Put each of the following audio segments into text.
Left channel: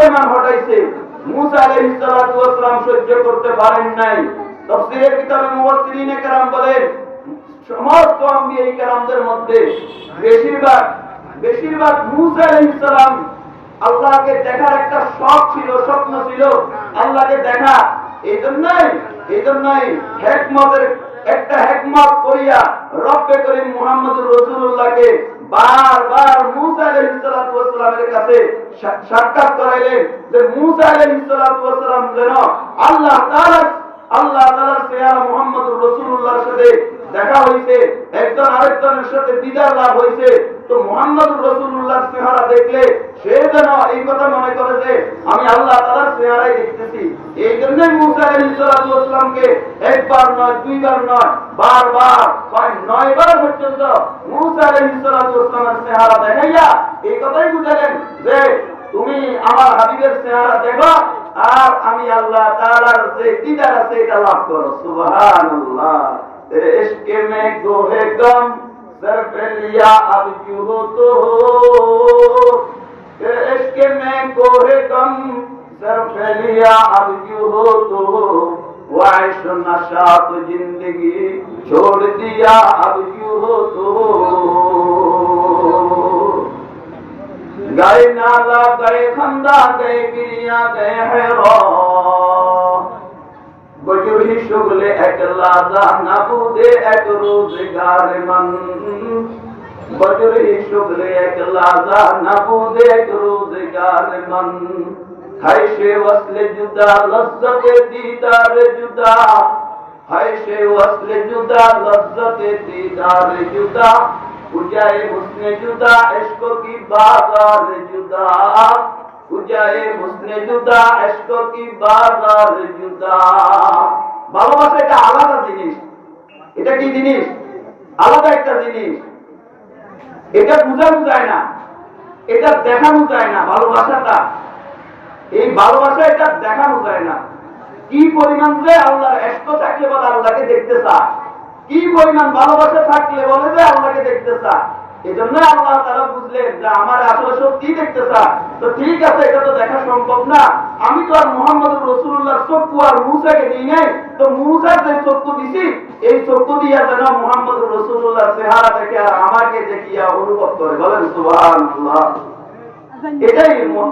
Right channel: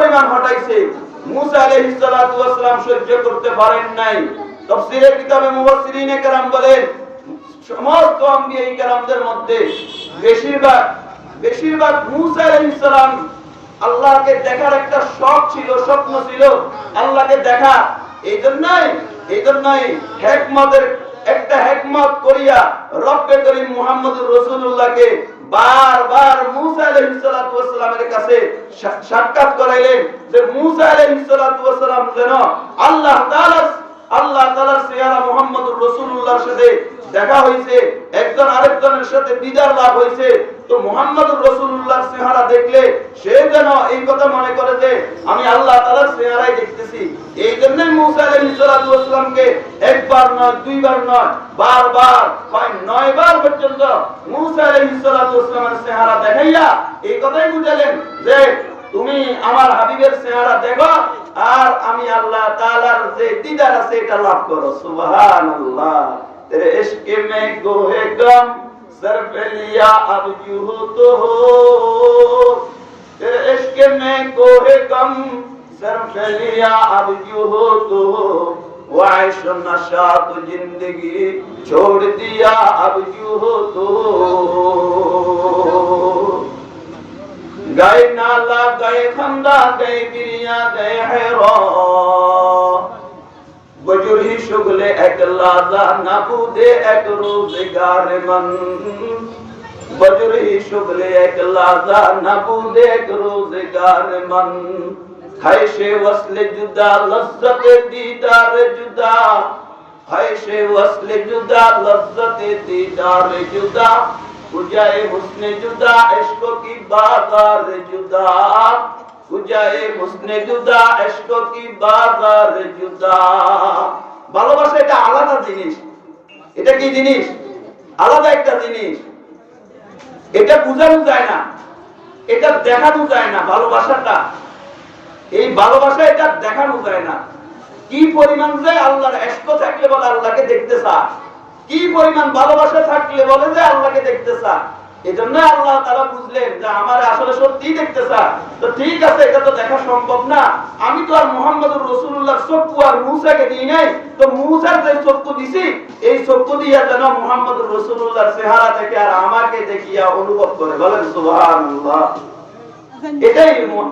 পরিমাণ হটাইছে, মুসা আলাইহিস সালাতু ওয়াস সালাম সহ্য করতে পারেন নাই। তাফসীরের কিতাবে মুফাসসিরিনে কেরাম বলেন, সমস্ত আম্বিয়া কেরামদের মধ্যে বেশিরভাগ মুসা আলাইহিস সালাম আল্লাহকে দেখার একটা শখ ছিল, স্বপ্ন ছিল আল্লাহকে দেখা। এইজন্যই হিকমত করিয়া রব্বে করিম মুহাম্মদুর রাসূলুল্লাহকে বারবার মুসা আলাইহিস সালাতু ওয়াস সালামের কাছে সাক্ষাৎ করাইলেন, যে মুসা আলাইহিস সালাতু ওয়াস সালাম যেন আল্লাহ তাআলার চেহারা মুহাম্মদুর রাসূলুল্লাহর সাথে দেখা হইছে, একজন আরেকজনের সাথে দিদার লাভ হইছে, তো মুহাম্মদুর রাসূলুল্লাহর চেহারা দেখলে সে যেন এই কথা মনে করে যে আমি আল্লাহ তাআলার চেহারাই দেখতেছি। এই জন্যই মুসা আলাইহিস সালাতু ওয়াস সালামকে একবার নয়, দুইবার নয়, বারবার 9 বার পর্যন্ত মুসা আলাইহিস সালাতু ওয়াস সালামের চেহারা দেখাইয়া এই কথাই বুঝালেন যে তুমি আমার হাবিবের চেহারা দেখো আর আমি আল্লাহ তাআলার যে দিদার আছে এটা লাভ করো। সুবহানাল্লাহ। तेरे इश्क में गोहे गम सर पे लिया अब यूं हो तो हो, तेरे इश्क में गोहे गम सर पे लिया अब यूं हो तो हो, वो ऐश नशा तो जिंदगी छोड़ दिया अब यूं हो तो हो। गए नाला गए खंदा गए गिरिया गए हैरान, बजुरी शुगले एक लाजा नबूदे एक रोजगार मन, बजुरी शुगले एक लाजा नबूदे एक रोजगार मन, खैशे वस्ले जुदा लज्जत दीदार जुदा, खैशे वस्ले जुदा लज्जत दीदार जुदा, उजाए हुस्ने जुदा इश्क की बाजार जुदा, उजाए हुस्ने जुदा इश्क की बाजार जुदा। ভালোবাসা এটা আলাদা জিনিস। এটা কি জিনিস? আলাদা একটা জিনিস। এটা বোঝানো যায় না, এটা দেখানো যায় না। ভালোবাসাটা, এই ভালোবাসা এটা দেখানো যায় না। কি পরিমাণ যে আল্লাহর ইশক থাকলে বলে আল্লাহকে দেখতে চায়, কি পরিমাণ ভালোবাসা থাকলে বলে যে আল্লাহকে দেখতে চায়। এজন্য আল্লাহ তাআলা বুঝলেন যে আমার আসলে সত্যি দেখতে চায়, তো ঠিক আছে, এটা তো দেখা সম্ভব না। আমি তো আর মুহাম্মদুর রাসূলুল্লাহর চক্ষু আর মূসাকে দিই নাই, তো মূসার যে চক্ষু দিছি এই চক্ষু দিয়া যেন মুহাম্মদুর রাসূলুল্লাহর চেহারা দেখে আর আমাকে দেখিয়া অনুভব করে। বলেন সুবহানাল্লাহ।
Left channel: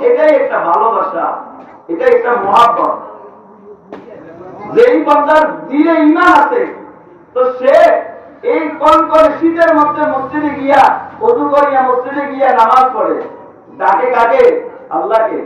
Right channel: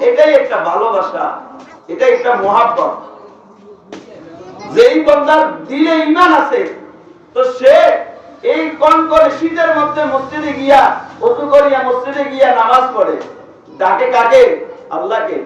এটাই একটা ভালোবাসা, এটা একটা মহব্বত। যেই বান্দার দিলে ঈমান আছে, তো সে এই কোন করে শীতের মধ্যে মসজিদে গিয়া ওযু করিয়া মসজিদে গিয়া নামাজ পড়ে, ডাকে কাকে? আল্লাহকে।